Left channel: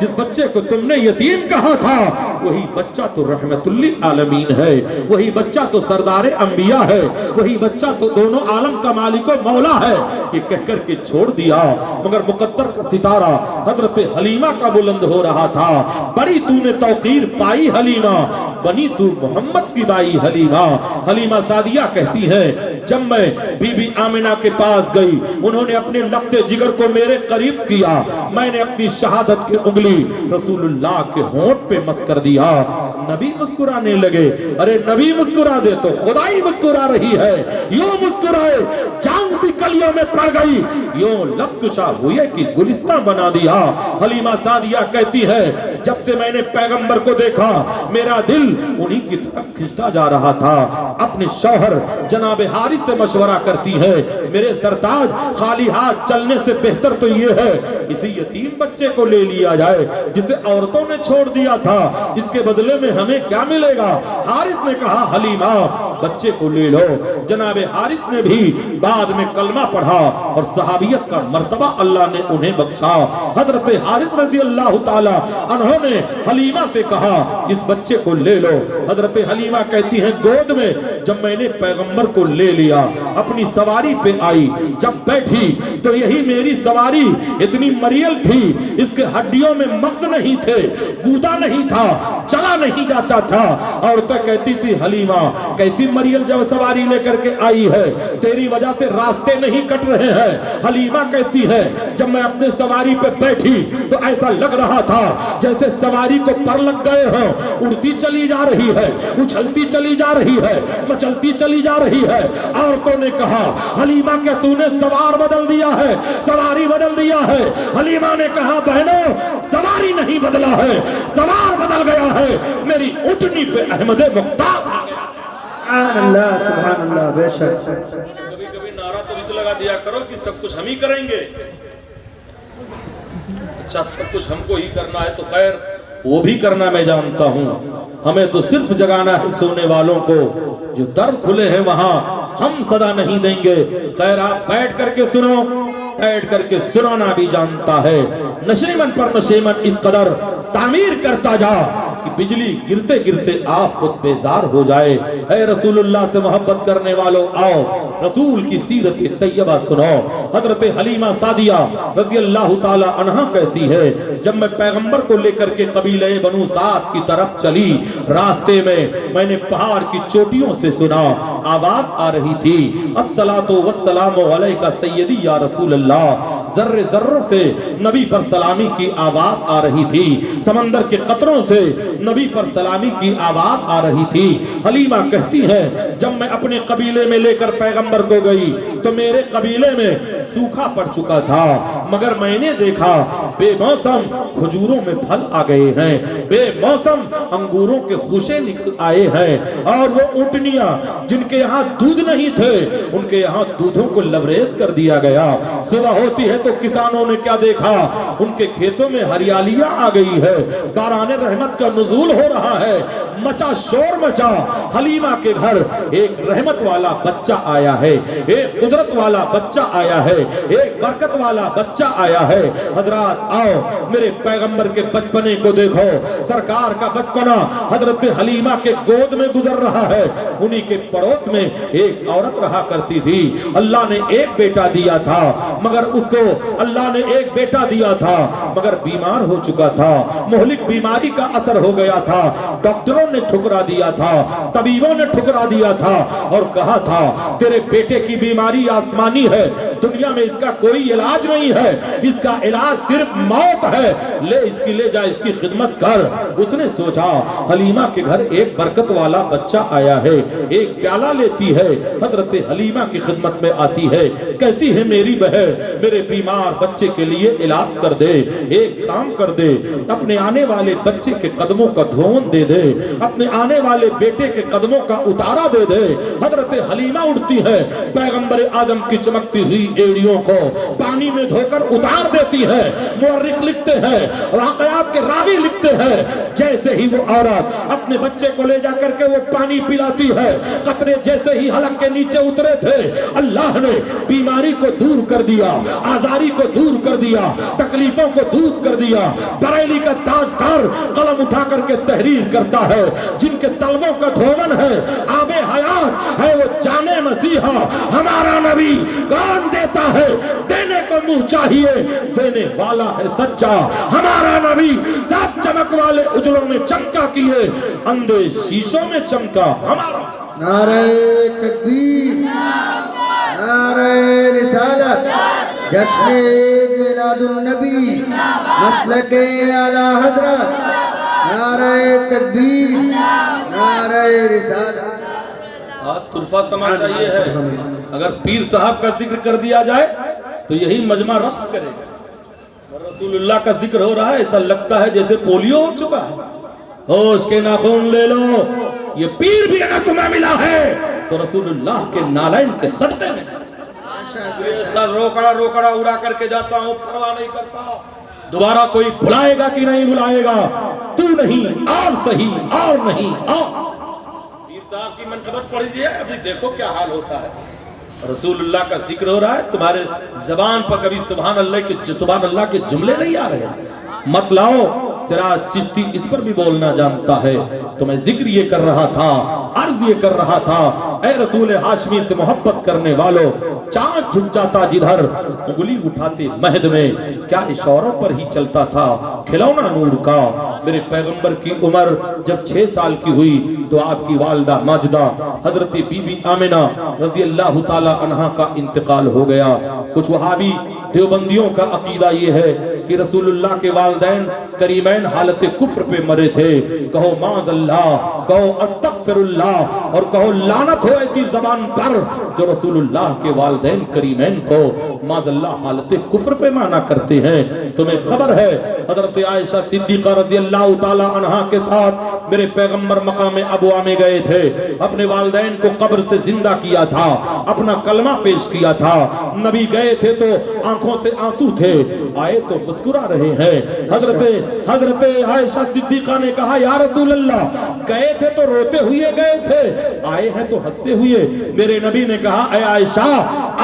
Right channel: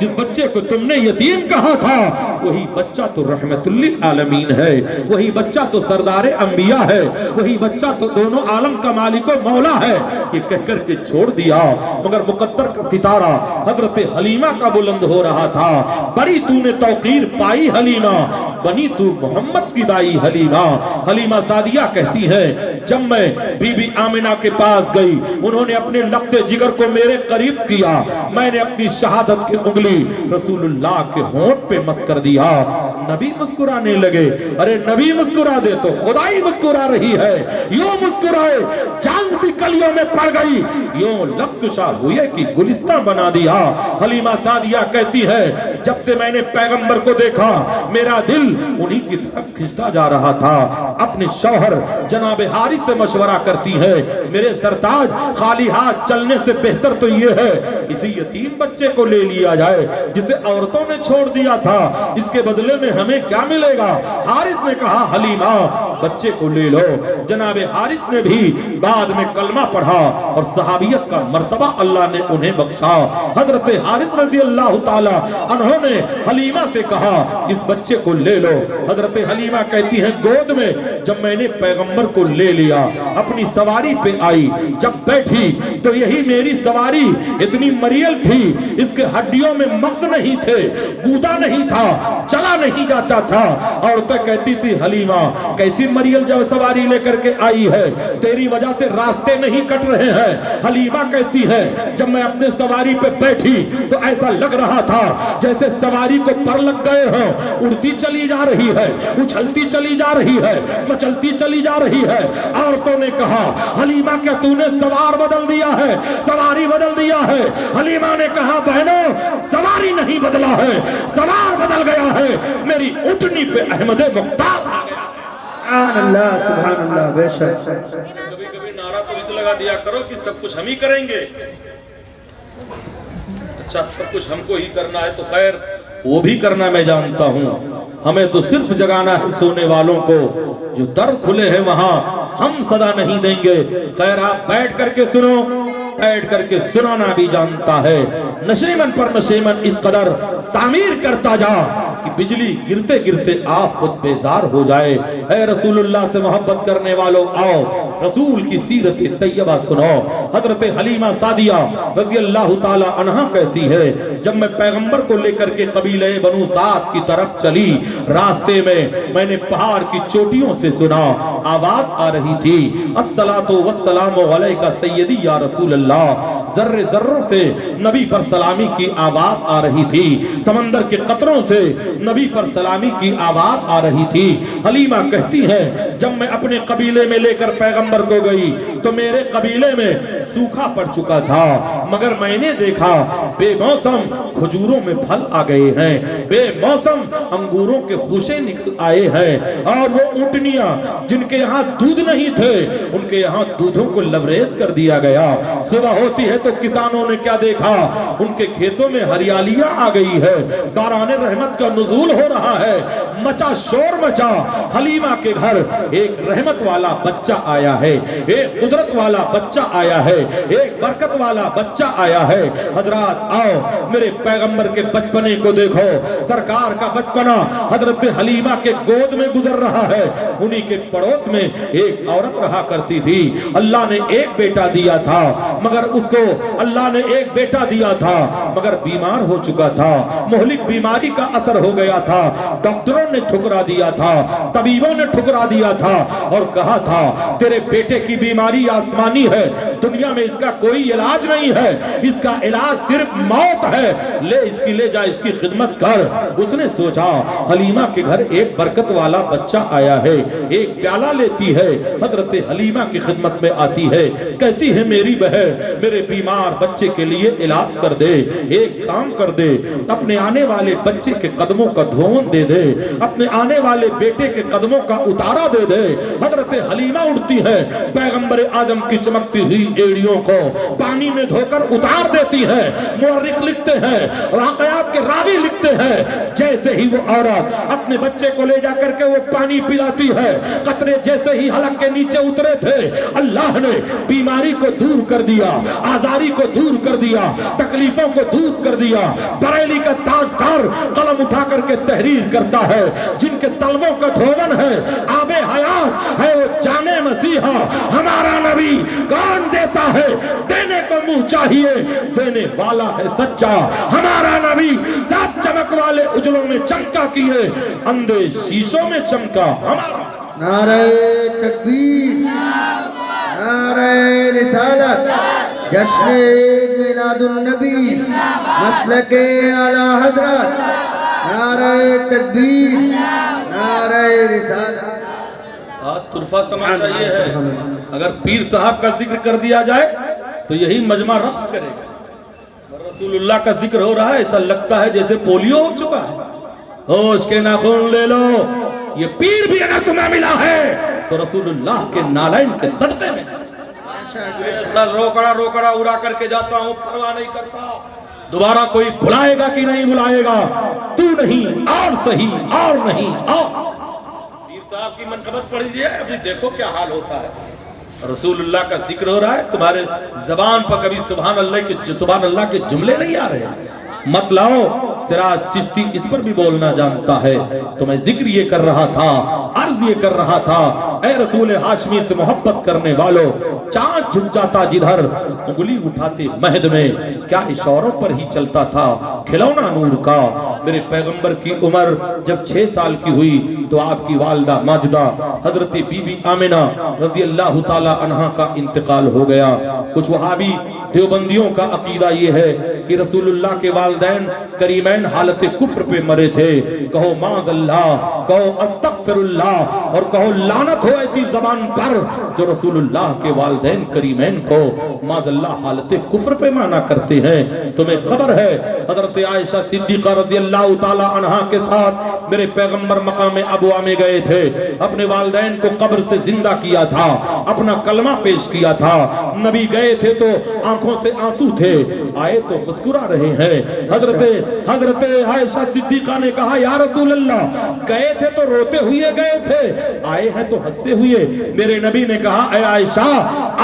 जिस बच्चे को तुमने यतीम कहा था वही बच्चा तो रहमतुल लिल आलमीन है, वही बच्चा तो सरदार अंबिया है, वही बच्चा तो दोनों आलम का मालिक व मौला है। ये कह कर के छोड़ दिया, मगर मुकद्दर का सितारा हजरत हलीमा का बुलंद हो रहा था। बड़ी तूने तौकीर पाई हलीमा, बनी तू मोहम्मद की दाई हलीमा। हलीमा सादिया कहती है, जब मैं बीबी आमिना के पास गई, उन्होंने अपने लख्ते जिगर को मेरे करीब किया, मैंने अपनी शहादत की उंगली रसूलुल्लाह के होंठ पे मस कर दिया। नबी मुस्कुराने लगे। अरे नबी मुस्कुरा दे तो खुदाई मुस्कुरा रही है। यूं मुस्कुराए चांद सी कलियों में पड़ गई, यूं लब कुशा हुए कि गुलिस्तान बना दिया। हलीमा सादिया कहती है, जब से मैंने पैगंबर को देखा मेरा दिल उन्हीं की तरफ खिंचता जा रहा था। अपने शौहर जनाब हारिस से मशवरा करती है, मेरे सरताज खाली हाथ चलने से बेहतर तो ये है इसी यतीम बच्चे को ले लिया जाए जिसे औरतों ने छोड़ दिया था, इसके बदले में हमें क्या मिलेगा। हारिस ने कहा, हलीमा बच्चे को ले लो। जनाब हारिस ने भी बाद में कलमा पढ़ा और सहाबियत का मर्तबा अल्लाह ने उन्हें बख्शा। हजरत हारिस रज़ी अल्लाह ताला अन्हो ने हलीमा से कहा, इस बच्चे को ले लो। हजरत हलीमा कहती हैं, गोद में जब मैंने पैगंबर को ले लिया, अपनी सवारी पे आई, जब बैठी तो यही मेरी सवारी इतनी मरियल थी, इसके हड्डियों में मग्ज नहीं थे, गूदा नहीं था, चला नहीं जाता था। और तो कहती थी, हलीमा कैसी मरियल जब सवारी लेकर के आई है, तेरी वजह से रास्ते नहीं कट रहे हैं। हलीमा कहती है, जब मैं अपने सवारी पे बैठी तो ऐसा लग रहा था जैसे सवारी को पर लग गए हो, उड़ती चली जा रही है, उछलती चली जा रही है, मचलती चली जा रही है। औरतों ने कहा, हलीमा क्या तूने सवार बदल दिया है, सवारी बदल दिया है। हलीमा ने कहा, बहनों सवारी नहीं बदला है, सवार बदल गया है, मेरी ऊँटनी पे अहमद मुख्तार आ गया। अल्लाह सुभान अल्लाह। बेशक कभी कभी नारा तो नहीं लगा दिया करो कि सब कुछ हम ही करेंगे। अच्छा, सब कुछ हमको ही करना है तो खैर वो भी करना मैं जानता हूँ, हमें तो सिर्फ जगाना है सोने वालों को, जो दर खुले हैं वहां हम सदा नहीं देंगे। खैर आप बैठ करके सुनो, बैठ करके सुनाना भी जानता है। नशेमन पर नशेमन इस कदर तामीर करता जा कि बिजली गिरते गिरते आप खुद बेजार हो जाए। ऐ रसूलुल्लाह से मोहब्बत करने वालों, आओ रसूल की सीरत तैयबा सुनो। हजरत हलीमा सादिया रज़ी अल्लाह ताला अन्हा कहती है, जब मैं पैगंबर को लेकर के कबीले बनु साद की तरफ चली, रास्ते में मैंने पहाड़ की चोटियों से सुना, आवाज आ रही थी, अस्सलातु वस्सलामु अलैका सय्यदी या रसूल अल्लाह। जर्रे जर्रों से नबी पर सलामी की आवाज आ रही थी, समंदर के कतरों से नबी पर सलामी की आवाज आ रही थी। हलीमा कहती है, जब मैं अपने कबीले में लेकर पैगंबर को गई तो मेरे कबीले में सूखा पड़ चुका था, मगर मैंने देखा बेमौसम खजूरों में फल आ गए हैं, बेमौसम अंगूरों के खूशे निकल आए हैं, और वो ऊँटनियां जिनके यहाँ दूध नहीं थे उनके यहाँ दूधों को लबरेज कर दिया गया। सुबह होती है तो किसानों ने क्या देखा, उनके खेतों में हरियालियां आ गई है, बाराने रहमत का नुज़ूल हो रहा है, मचा शोर मचा। हलीमा के घर एक रहमत वाला बच्चा आया है, एक कुदरत वाला बच्चा आया है, एक बरकत वाला बच्चा आया है। हजरात आओ मेरे पैगंबर के बचपने को देखो, सरकार का बचपना हजरत हलीमा के गोद में गुजर रहा है। उन्हीं के पड़ोस में एक औरत रहा करती थी, अल्लाह ने एक बेटा दिया था, मगर उसको अल्लाह ने एक बेटा दिया था मगर बीमार हो चुका था, मोहलिक बीमारी का असर हो गया था, डॉक्टरों ने ठुकरा दिया था, तबीबों ने ठुकरा दिया था और कहा था तेरे बेटे की बीमारी आसमानी है, दुनिया में इसका कोई इलाज नहीं है, इसका इलाज सिर्फ मौत है, ले इसकी ले जा, इसकी खिदमत कर। उसने सोचा हलीमा के घर एक बरकत वाला बच्चा आया है, एक प्याला लेती है, हजरत हलीमा की खिदमत में आती है, कहती है मेरी बहन मेरे बीमार बच्चे के लिए इलाज कर दे, एक काम कर दे, अपने आने वाले बच्चे के कदमों का धोन दे दे, अपने आने वाले बेटे के कदमों का उतारा दे दे। हजरत हलीमा उठती है, पैगंबर आजम की चमकती हुई एड़ियों को पानी में धोकर उतार देती है। मुअर्रिख लिखते हैं, वाक़यात के रावी लिखते हैं, जैसे ही वो औरत अपने बच्चे को ले जाकर के वो पानी पिलाती ہے قطرے جیسے ہی حلق کے نیچے اترے تھے اللہ نے بیماری کو دور کر دیا, آزاری کو دور کر دیا, تکلیفوں کو دور کر دیا. بریلی کا تاجدار قلم اٹھا کر کے تحریر کرتا ہے, جن کے تلووں کا دھون ہے آب حیات ہے وہ جانے مسیحا. ہمارا نبی کون دیتا ہے, دینے کو منہ چاہیے, دینے والا ہے سچا. ہمارا نبی سات چمک والے اجلوں میں چمکا کیے, اندھے شیشوں میں چمکا. ہمارا نعرہ تکبیر, نعرہ رسالت, جشن میلاد النبی, مسلک اعلی حضرت. نعرہ تکبیر, نعرہ رسالت. آج طرفہ تماشا یہ ہے, اگر پیر صاحب کا ذکر کر دیا جائے تو یہی مجمع رقص کرے گا. رسول اللہ کا ذکر ہو رہا ہے, ایسا لگتا ہے جیسے پولیو ہو چکا ہے. ہوش کے ناخن لے لو, یہ پیر بھی اگر تمہیں ملا ہے تو رسول اللہ کے نالائن کے صدقے میں. سر روکڑا روکڑا اڑا کر کے جاتا ہوں, پرواہ نہیں کرتا دوبارہ کوئی بلائے گا کہ نہیں بلائے گا. تو نہیں اور صحیح اور نہیں اور. پیر صاحب کی منقبت پڑھ لیجیے, ابھی دیکھو کیا حال ہوتا ہے. رسول اللہ کا ذکر ہو رہا ہے, تمہارے زبان پر کبھی سبحان اللہ کے جملے نہیں آ رہے ہیں. مت لاؤ, سراج چشتی اس پر بھی بولنا جانتا ہے. تو میں ذکر یہ کر رہا تھا, عرض یہ کر رہا تھا, اے رسول ہاشمی سے محبت کرنے والوں, چاند جھک جاتا جدھر انگلی اٹھاتے مہد میں, کیا اشاروں پر ہی چلتا تھا کھلونا نور کا. میرے پیغمبر کی عمر جب 6 سال کی ہوئی تو آپ کی والدہ ماجدہ حضرت بی بی آمنہ رضی اللہ تعالی عنہا کا انتقال ہو گیا. کچھ وہابی دیوبندیوں کا عقیدہ یہ ہے کہ رسول اللہ کے والدین کریمین حالت کفر پہ مرے تھے. کہو معاذ اللہ, کہو استغفر اللہ, اور کہو لعنت ہو ایسی زبان پر جو رسول اللہ کے والدین کریمین کو معاذ اللہ حالت کفر پہ مانا کرتے ہیں. تمہیں خبر ہے حضرت عائشہ صدیقہ رضی اللہ تعالی عنہا کے ساتھ میرے پیغمبر مقام ابوا میں گئے تھے, اپنے والدین کو قبر سے زندہ کیا تھا, اپنا کلمہ پیش کیا تھا. نبی گئے تھے تو آنکھوں سے آنسو تھے, آئے تو مسکرا رہے ہیں. حضرت عائشہ صدیقہ نے کہا یا رسول اللہ, گئے تھے تو روتے ہوئے گئے تھے, آئے ہیں تو ہنستے ہوئے. میرے نبی نے کہا اے عائشہ,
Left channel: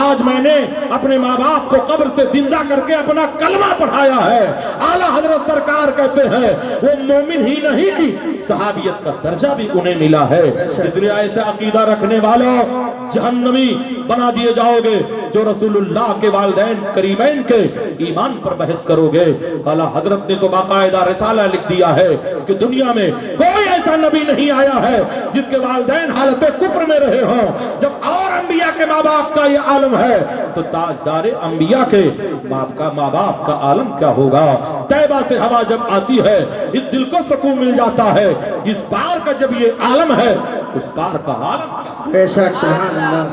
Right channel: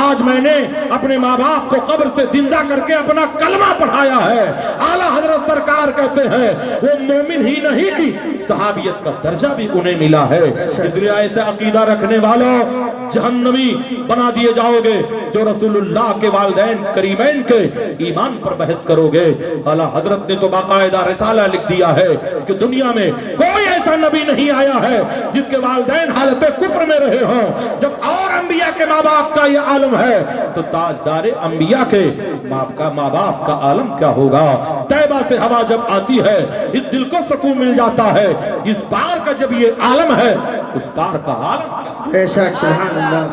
آج میں نے اپنے ماں باپ کو قبر سے زندہ کر کے اپنا کلمہ پڑھایا ہے. اعلیٰ حضرت سرکار کہتے ہیں وہ مومن ہی نہیں صحابیت کا درجہ بھی انہیں ملا ہے. اس لیے ایسا عقیدہ رکھنے والوں جہنمی بنا دیے جاؤ گے جو رسول اللہ کے والدین کریمین کے ایمان پر بحث کرو گے. اعلیٰ حضرت نے تو باقاعدہ رسالہ لکھ دیا ہے کہ دنیا میں کوئی ایسا نبی نہیں آیا ہے جس کے والدین حالت کفر میں رہے ہوں. جب اور انبیاء کے ماں باپ کا یہ عالم ہے تو تاجدار انبیاء کے ماں باپ کا عالم کیا ہوگا. طیبہ سے ہوا جب آتی ہے اس دل کو سکون مل جاتا ہے. اس پار کا جب یہ عالم ہے اس پار کا عالم کیا. بے شک, سبحان اللہ.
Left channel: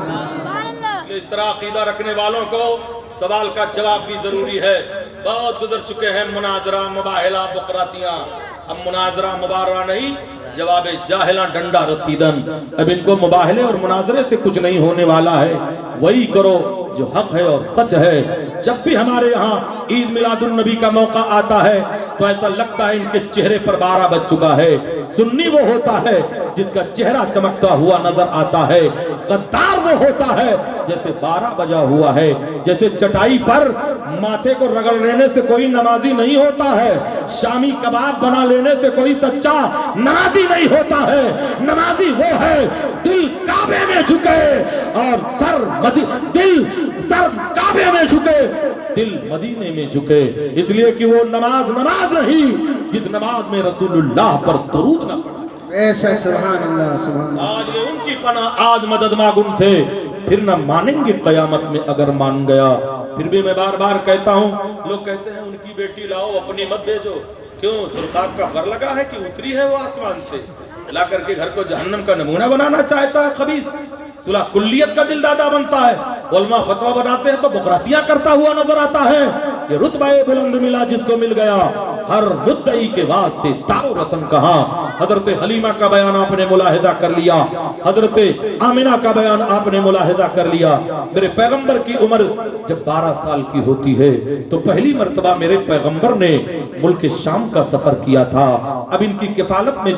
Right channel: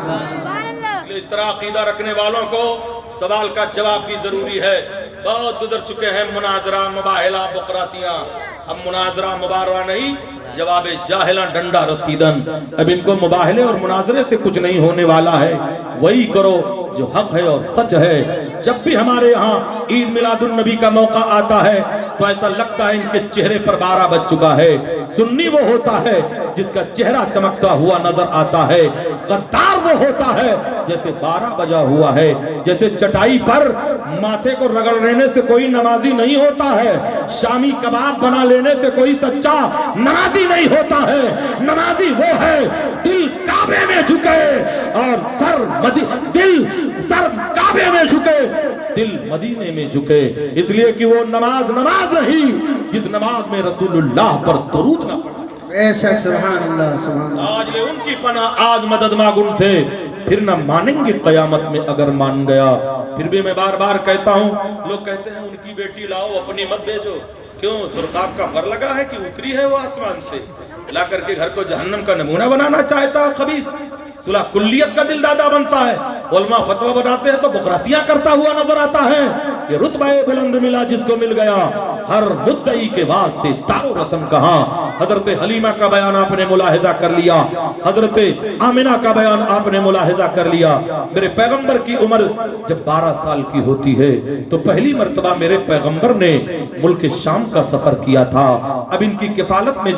اس طرح عقیدہ رکھنے والوں کو سوال کا جواب بھی ضروری ہے. بہت گزر چکے ہیں مناظرہ مباہلہ بقراتیاں, اب مناظرہ مبارہ نہیں, جواب جاہلاں ڈنڈا رسیدن. اب ان کو مباہلے اور مناظرے سے کچھ نہیں ہونے والا ہے, وہی کرو جو حق ہے اور سچ ہے. جب بھی ہمارے یہاں عید میلاد النبی کا موقع آتا ہے تو ایسا لگتا ہے ان کے چہرے پر 12 بج چکا ہے. سنی وہ ہوتا ہے جس کا چہرہ چمکتا ہوا نظر آتا ہے, غدار وہ ہوتا ہے جیسے 12 بجا ہوا ہے. جیسے چٹائی پر ماتھے کو رگڑ لینے سے کوئی نمازی نہیں ہوتا ہے, شامی کباب بنا لینے سے کوئی سچا نمازی نہیں ہوتا ہے. نمازی وہ ہے دل کعبے میں جھکے اور سر کعبے میں جھکے, دل مدینے میں جھکے. اس لیے کہ وہ نماز نہیں جس نماز میں رسول اللہ پر درود نہ پڑھا. بے شک, سبحان اللہ, سبحان اللہ. آج لے ان کی پناہ, آج مدد مانگ ان سے, پھر نہ مانیں گے قیامت میں اگر مان گیا. پھر بھی میں بار بار کہتا ہوں, لوگ کہتے ہیں ان کی بیٹی لاؤ اپنی مت بھیجو. کیوں, سرخاب کا پر لگا ہے کہ اتری ہے وہ آسمان سے, لا کر کے گھر کو جہنم کا نمونہ بنانا چاہتا ہے خبیث. صلح کلیت کا دل دادا بنتا ہے, علماء فتوہ بناتے ہیں تو بقراتیاں کرتا ہوا نظر آتا ہے. یہ رتبہ بلند ملا جس کو مل گیا, ہر مدعی کے واسطے تار و رسم کہاں. حضرت حلیمہ کا بیان آپ نے ملاحظہ کر لیا، حضرت آمنہ کا بیان آپ نے ملاحظہ کر لیا۔ میرے پیغمبر کی عمر جب 12 سال کی ہوتی ہے تو پہلی مرتبہ میرے پیغمبر نے ملک شام کا سفر کیا تھا۔ اب ان کی کفالت میں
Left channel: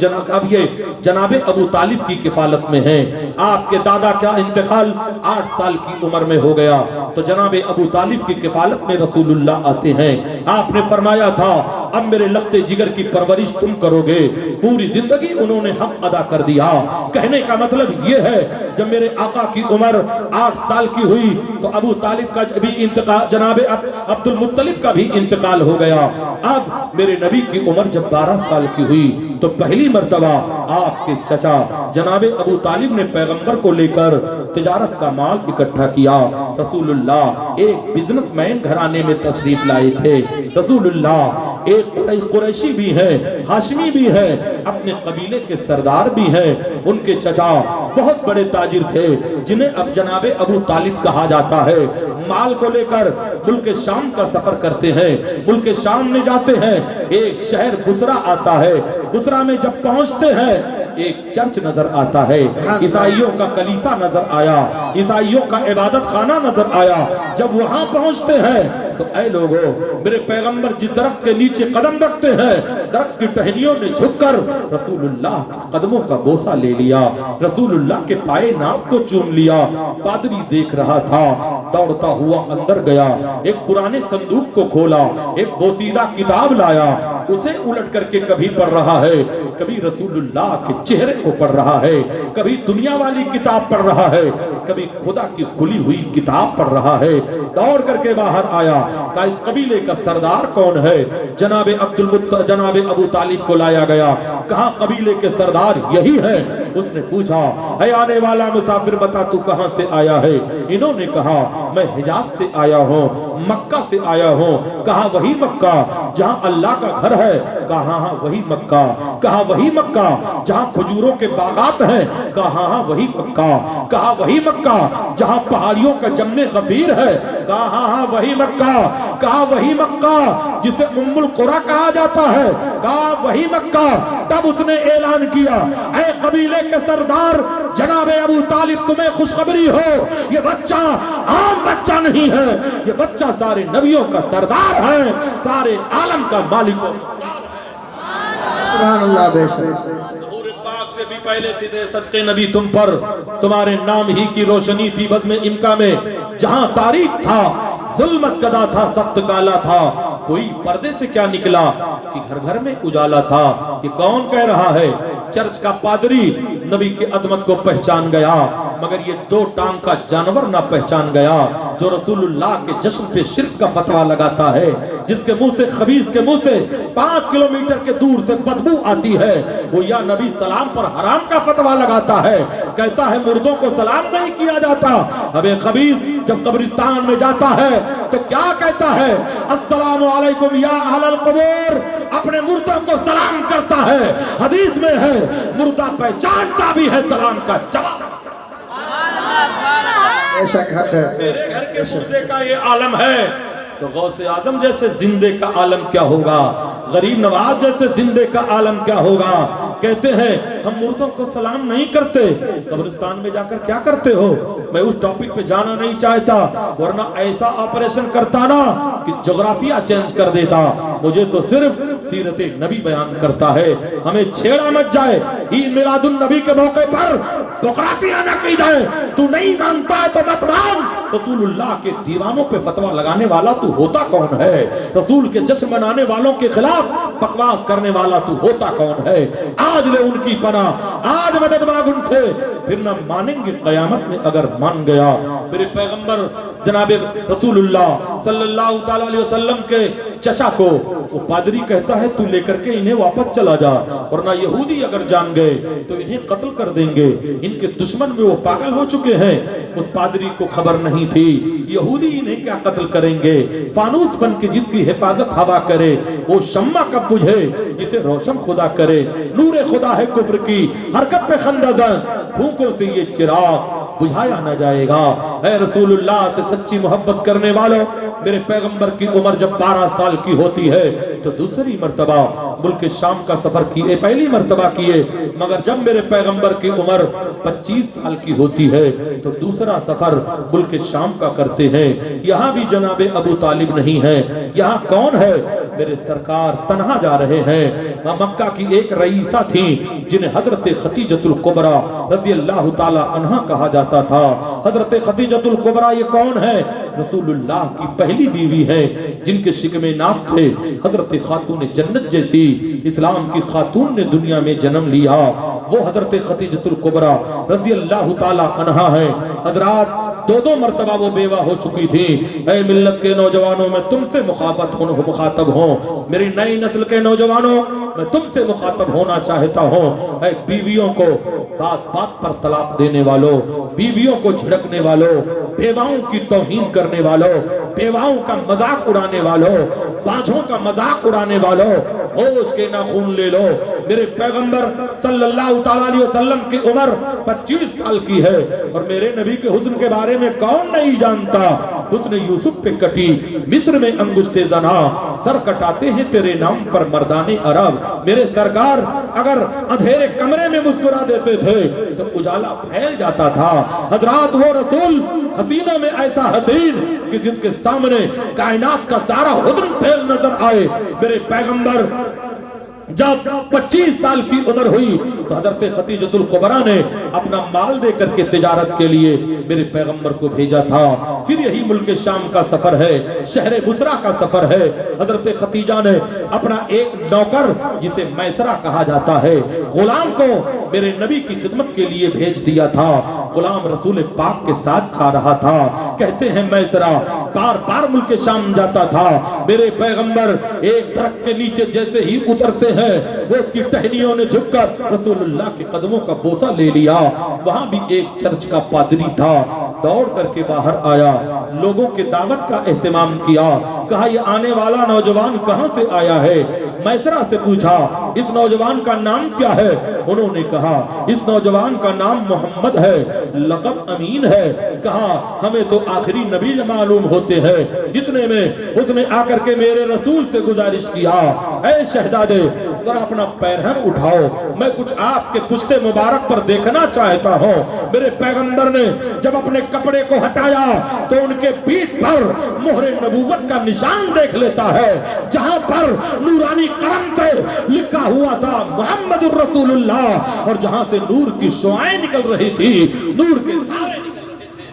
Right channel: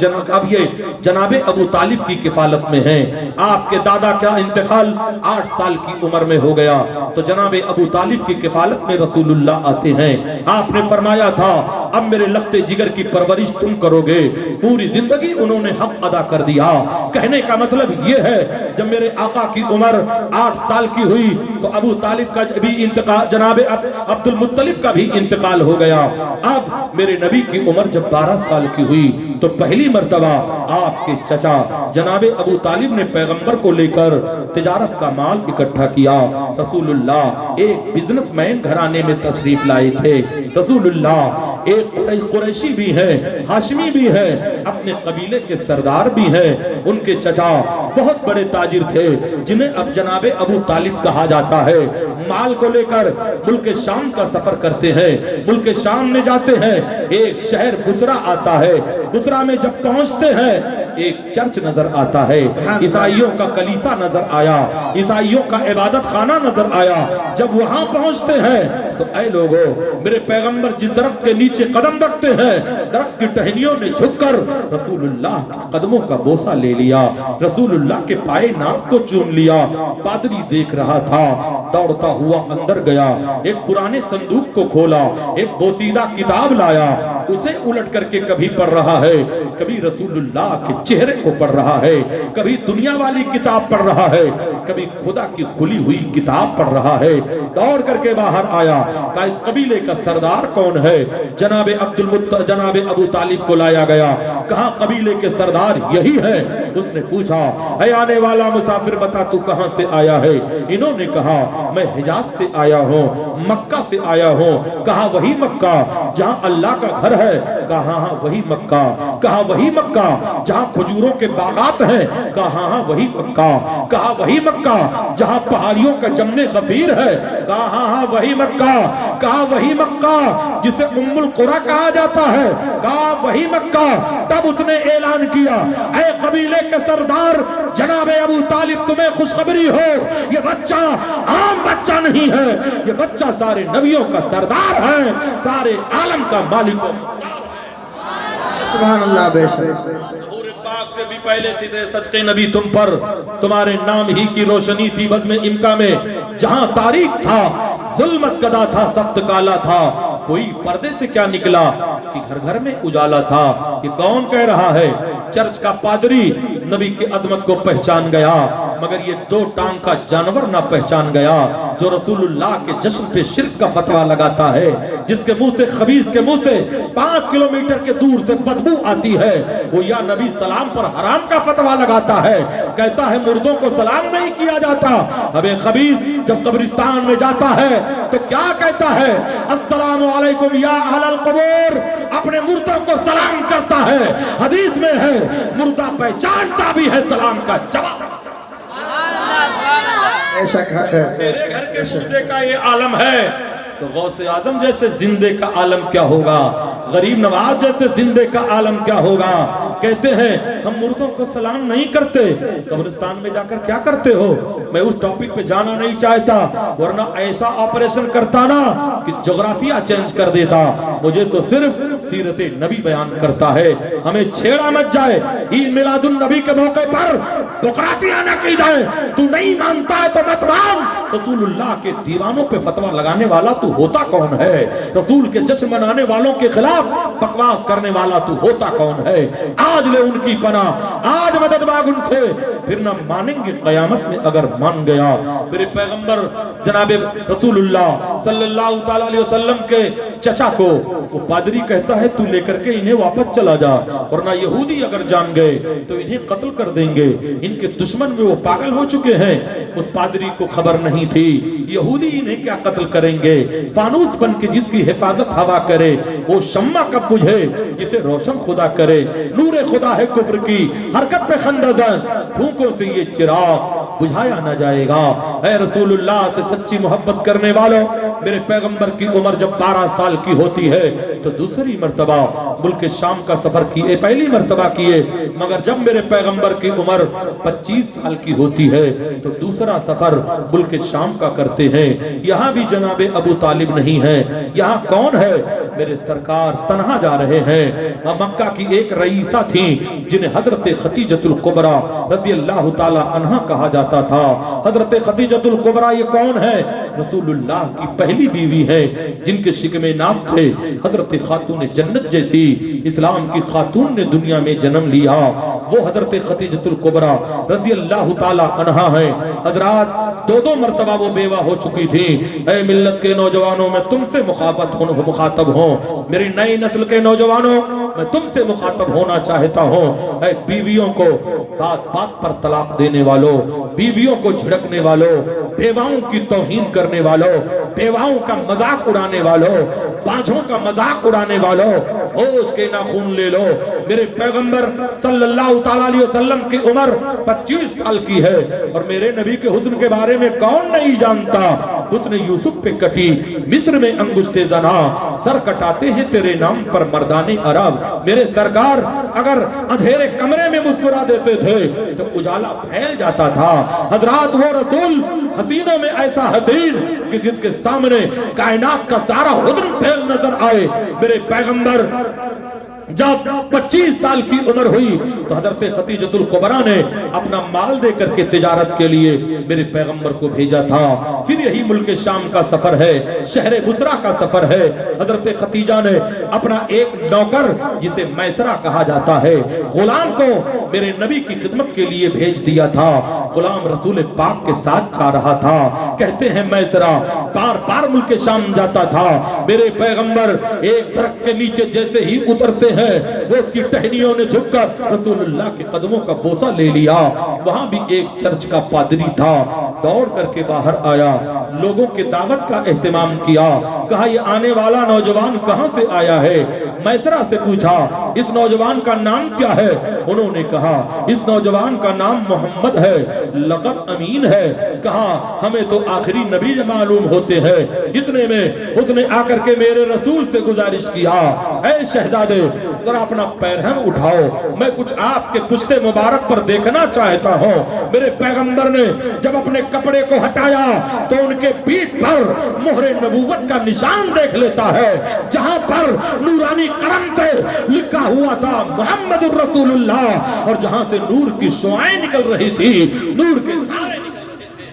جناب ابو طالب کی کفالت میں ہیں۔ آپ کے دادا کا انتقال 8 سال کی عمر میں ہو گیا تو جناب ابو طالب کی کفالت میں رسول اللہ آتے ہیں۔ آپ نے فرمایا تھا اب میرے لخت جگر کی پرورش تم کرو گے۔ پوری زندگی انہوں نے حق ادا کر دیا۔ کہنے کا مطلب یہ ہے جب میرے آقا کی عمر 8 سال کی ہوئی تو ابو طالب کا بھی انتقال، جناب عبد المطلب کا بھی انتقال ہو گیا۔ اب میرے نبی کی عمر جب 12 سال کی ہوئی تو پہلی مرتبہ آپ کے چچا جناب ابو طالب نے پیغمبر کو لے کر تجارت کا مال اکٹھا کیا۔ رسول اللہ ایک بزنس مین گھرانے میں تشریف لائے تھے۔ رسول اللہ ایک قریشی بھی ہے، ہاشمی بھی ہے، اپنے قبیلے کے سردار بھی ہیں۔ ان کے چچا بہت بڑے تاجر تھے جنہیں اب جناب ابو طالب کہا جاتا ہے۔ مال کو لے کر ملک شام کا سفر کرتے ہیں، ملک شام میں جاتے ہیں۔ ایک شہر بصرہ آتا ہے، بصرہ میں جب پہنچتے ہیں ایک چرچ نظر آتا ہے، عیسائیوں کا کلیسا نظر آیا، عیسائیوں کا عبادت خانہ نظر آیا۔ جب وہاں پہنچتے ہیں تو اے لوگوں، میرے پیغمبر جس درخت کے نیچے قدم رکھتے ہیں درخت کی ٹہنیوں میں جھک کر رسول اللہ کے قدموں کا بوسہ لے لیا، رسول اللہ کے پائے ناز کو چوم لیا۔ پادری دیکھ رہا تھا، دوڑتا ہوا اندر گیا، ایک پرانے صندوق کو کھولا، ایک بوسیدہ کتاب لایا، اسے الٹ کر کے کبھی پڑھ رہا ہے، کبھی رسول اللہ کے چہرے کو پڑھ رہا ہے، کبھی دنیا والی کتاب پڑھ رہا ہے، کبھی خدا کی کھلی ہوئی کتاب پڑھ رہا ہے۔ دوڑ کر کے باہر آیا، کہا اس قبیلے کا سردار کون ہے؟ جناب جناب ابو طالب کو لایا گیا، کہا قبیلے کے سردار یہی ہے۔ اس نے پوچھا اے آنے والا مسافر بتا تو کہاں سے آیا ہے؟ انہوں نے کہا میں حجاز سے آیا ہوں، مکہ سے آیا ہوں۔ کہا وہی مکہ جہاں اللہ کا گھر ہے؟ کہا ہاں وہی مکہ۔ کہا وہی مکہ جہاں کھجوروں کے باغات ہیں؟ کہا ہاں وہی مکہ۔ کہا وہی مکہ جہاں پہاڑیوں کا جم غفیر ہے؟ کہا ہاں وہی مکہ۔ کہا وہی مکہ جسے ام القریٰ کہا جاتا ہے؟ کہا وہی مکہ۔ تب اس نے اعلان کیا اے قبیلے کے سردار جناب ابو طالب تمہیں خوشخبری ہو، یہ بچہ عام بچہ نہیں ہے، یہ بچہ سارے نبیوں کا سردار ہے، سارے عالم کا مالک و سبحان اللہ بے شک۔ ظہور پاک سے بھی پہلے تھے صدقے نبی تم پر، تمہارے نام ہی کی روشنی تھی بزم امکا میں، جہاں تاریک تھا ظلمت کدا تھا سخت کالا تھا، کوئی پردے سے کیا نکلا کہ گھر گھر میں اجالا تھا۔ یہ کون کہہ رہا ہے؟ چرچ کا پادری نبی کی عظمت کو پہچان گیا، مگر یہ 2 ٹانگ کا جانور نہ پہچان گیا جو رسول اللہ کے جشن پہ شرک کا فتویٰ لگاتا ہے، جس کے منہ سے خبیث کے منہ سے 5 کلومیٹر کے دور سے بدبو آتی ہے، وہ یا نبی سلام پر حرام کا فتویٰ لگاتا ہے، کہتا ہے مردوں کو سلام نہیں کیا جاتا۔ اب ایک خبیث جب قبرستان میں جاتا ہے تو کیا کہتا ہے؟ السلام علیکم یا اہل القبور، اپنے مردوں کو سلام کرتا ہے۔ حدیث میں ہے مردہ پہچانتا بھی ہے سلام کا جواب۔ بے شک حق ہے۔ میرے گھر کے مردے کا یہ عالم ہے تو غوث اعظم جیسے زندے کا عالم کیا ہوگا، غریب نواز جیسے زندے کا عالم کیا ہوگا۔ کہتے ہیں ہم مردوں کو سلام نہیں کرتے، قبرستان میں جا کر کیا کرتے ہو؟ میں اس ٹاپک پہ جانا نہیں چاہتا، ورنہ ایسا آپریشن کرتا نا کہ جغرافیہ چینج کر دیتا۔ مجھے تو صرف سیرت نبی بیان کرتا ہے، ہمیں چھیڑا مت جائے۔ عید میلاد النبی کے موقع پر بکراتیاں نہ کی جائے، تو نہیں مانتا ہے تو مت مان۔ رسول اللہ کے دیوانوں پہ فتویٰ لگانے والا تو ہوتا کون ہے؟ رسول کے جشن منانے والوں کے خلاف بکواس کرنے والا تو ہوتا کون ہے؟ آج لے ان کی پناہ، آج مدد مانگ ان سے، پھر نہ مانیں گے قیامت میں اگر مان گیا۔ میرے پیغمبر جناب رسول اللہ صلی اللہ تعالیٰ علیہ وسلم کے چچا کو وہ پادری کہتا ہے تو لے کر کے انہیں واپس چلا جا، ورنہ یہودی اگر جان گئے تو انہیں قتل کر دیں گے، ان کے دشمن میں وہ پاگل ہو چکے ہیں۔ اس پادری کو خبر نہیں تھی یہودی انہیں کیا قتل کریں گے، فانوس بن کے جس کی حفاظت ہوا کرے وہ شمع کب بجھے جسے روشن خدا کرے۔ نور خدا ہے کفر کی حرکت پہ خندہ زن، پھونکوں سے یہ چراغ बुझाया न जाएगा। ऐ रसूलुल्लाह से सच्ची मोहब्बत करने वालों, मेरे पैगंबर की उम्र जब 12 साल की होती है तो दूसरी मर्तबा मुल्क शाम का सफर किए, पहली मर्तबा किए, मगर जब मेरे पैगंबर की उम्र 25 साल की होती है तो दूसरा सफर मुल्क शाम का करते हैं। यहाँ भी जनाबे अबू तालिब नहीं है, यहाँ कौन है? मेरे सरकार तन्हा जा रहे हैं। मक्का की एक रईसा थी जिन्हें हजरत खतीजतुल कुबरा रज़ी अल्लाह ताला अन्हा कहा जाता था। हजरत खतीजतुल कुबरा ये कौन है? रसूलुल्लाह की पहली बीवी है जिनके शिकमे नास थे। हजरत खातून जन्नत जैसी इस्लाम की खातून ने दुनिया में जन्म लिया, वो हजरत खतीजतुल कुबरा रज़ी अल्लाह ताला अन्हा है। हजरात दो मर्तबा वो बेवा हो चुकी थी। ऐ मिल्लत के नौजवानों, मैं तुमसे मुखातब हूँ, मेरी नई नस्ल के नौजवानों, मैं तुमसे मुखातब होना चाहता हूँ। ऐ बीवियों को बात बात पर तलाक देने वालों, बीवियों को झिड़कने वालों, बेवाओं की तौहीन करने वालों, बेवाओं का मजाक उड़ाने वालों, बाझों का मजाक उड़ाने वालों, होश के नाखून ले लो। मेरे पैगंबर सल्लल्लाहु अलैहि वसल्लम की उम्र 25 साल की है और मेरे नबी के हुस्न के बारे में कौन नहीं जानता। हुस्न यूसुफ पे कटी मिस्र में अंगुश्ते जना, सर कटाते हैं तेरे नाम पर मर्दाने अरब। मेरे सरकार अगर अंधेरे कमरे में मुस्कुरा देते थे तो उजाला फैल जाता था। हजरात वो रसूल हसीनों में ऐसा हसीन कि जिसके सामने कायनात का सारा हुस्न फैल नजर आए। मेरे पैगंबर जब 25 साल की उम्र हुई तो हजरत खतीजतुल कुबरा ने अपना माल दे करके तिजारत के लिए मेरे पैगंबर को भेजा था। फिर यही मुल्क शाम का सफर है, शहर बुसरा का सफर है। हजरत खतीजा ने अपना एक नौकर जिसे मैसरा कहा जाता है, गुलाम को मेरे नबी की खिदमत के लिए भेज दिया था। गुलाम रसूल पाक के साथ जा रहा था। कहते हैं मैसरा बार बार मुल्क शाम जाता था। मेरे पैगंबर एक दरख्त के नीचे जैसे ही उतरते हैं वो उसकी टहनियों ने झुककर रसूलुल्लाह के कदमों का बोसा ले लिया। वहां भी एक चर्च का पादरी था, दौड़ करके बाहर आया, लोगों के दावत का एहतमाम किया। कहा ये आने वाला नौजवान कहां से आया है? मैसरा से पूछा इस नौजवान का नाम क्या है? उन्होंने कहा इस नौजवान का नाम मोहम्मद है, लक़ब अमीन है। कहा हमें तो आखिरी नबी मालूम होते हैं। इतने में उसने आकर के मेरे रसूल से गुजारिश किया, ऐ शहजादे जरा अपना पैरहन उठाओ, मैं कुछ आपके पुश्ते मुबारक पर देखना चाहता हूँ। मेरे पैगंबर ने जब अपने कपड़े को हटाया तो उनके पीठ पर मोहरे नबूवत का निशान देख लेता है, जहां पर नूरानी करम से लिखा हुआ था मुहम्मदुर रसूलुल्लाह, और जहां से नूर की शुआएं निकल रही थी, नूर के धारे निकल रहे थे।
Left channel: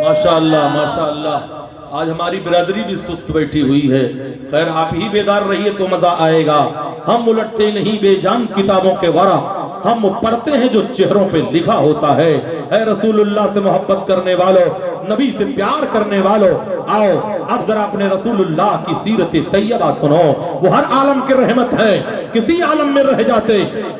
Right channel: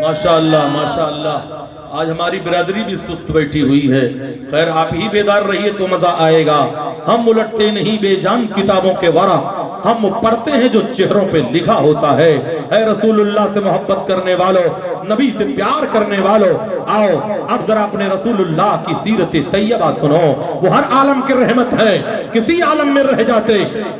माशाअल्लाह माशाअल्लाह, आज हमारी बिरादरी भी सुस्त बैठी हुई है। खैर आप ही बेदार रहिए तो मजा आएगा। हम उलटते नहीं बेजान किताबों के वरा, हम पढ़ते हैं जो चेहरों पे लिखा होता है। ऐ रसूलुल्लाह से मोहब्बत करने वालों, नबी से प्यार करने वालों, आओ अब जरा अपने रसूलुल्लाह की सीरत तैयबा सुनो। वो हर आलम के रहमत है, किसी आलम में रह जाते,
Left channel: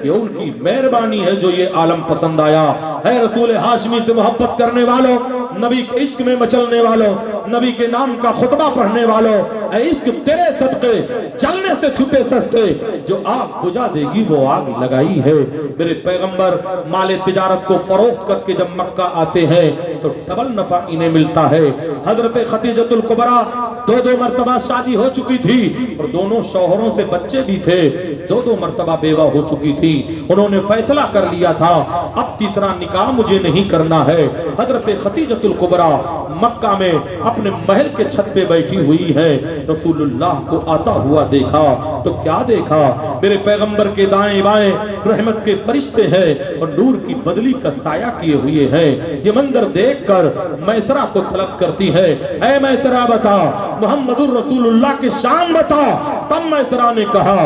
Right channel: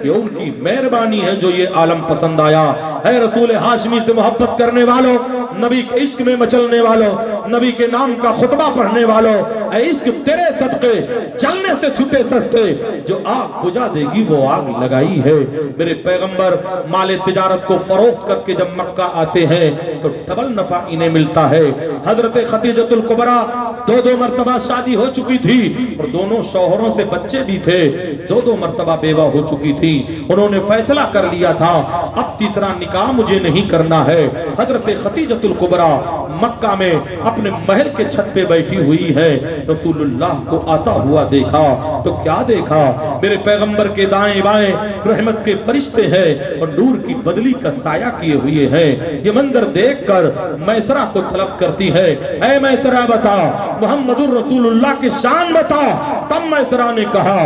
ये उनकी मेहरबानी है जो ये आलम पसंद आया। ऐ रसूल हाशमी से मोहब्बत करने वालों, नबी के इश्क में मचलने वालों, नबी के नाम का खुतबा पढ़ने वालों, ऐ इश्क तेरे सदके जलने से छुटे सस्ते, जो आग बुझा देगी वो आग लगाई है। मेरे पैगंबर माले तिजारत को फरोख्त करके जब मक्का आते हैं तो डबल नफा इन्हें मिलता है। हजरत खतीजतुल कुबरा दो मर्तबा शादी हो चुकी थी और दोनों शौहरों से बच्चे भी थे, दो मर्तबा बेवा हो चुकी थी। उन्होंने फैसला कर लिया था अब तीसरा निकाह मुझे नहीं करना है। हजरत खतीजतुल कुबरा मक्का में अपने महल के छत पे बैठी हुई है। रसूलुल्लाह को आता हुआ देखा तो क्या देखा, मेरे पैगंबर के दाएं बाएं रहमत के फरिश्ते हैं और नूर की बदली का साया किए हुए हैं। ये मंजर देखकर मैसरा को तलब करती है, ऐ मैसरा बता मुहम्मदुर रसूलुल्लाह की शान बता। तब मैसरा ने कहा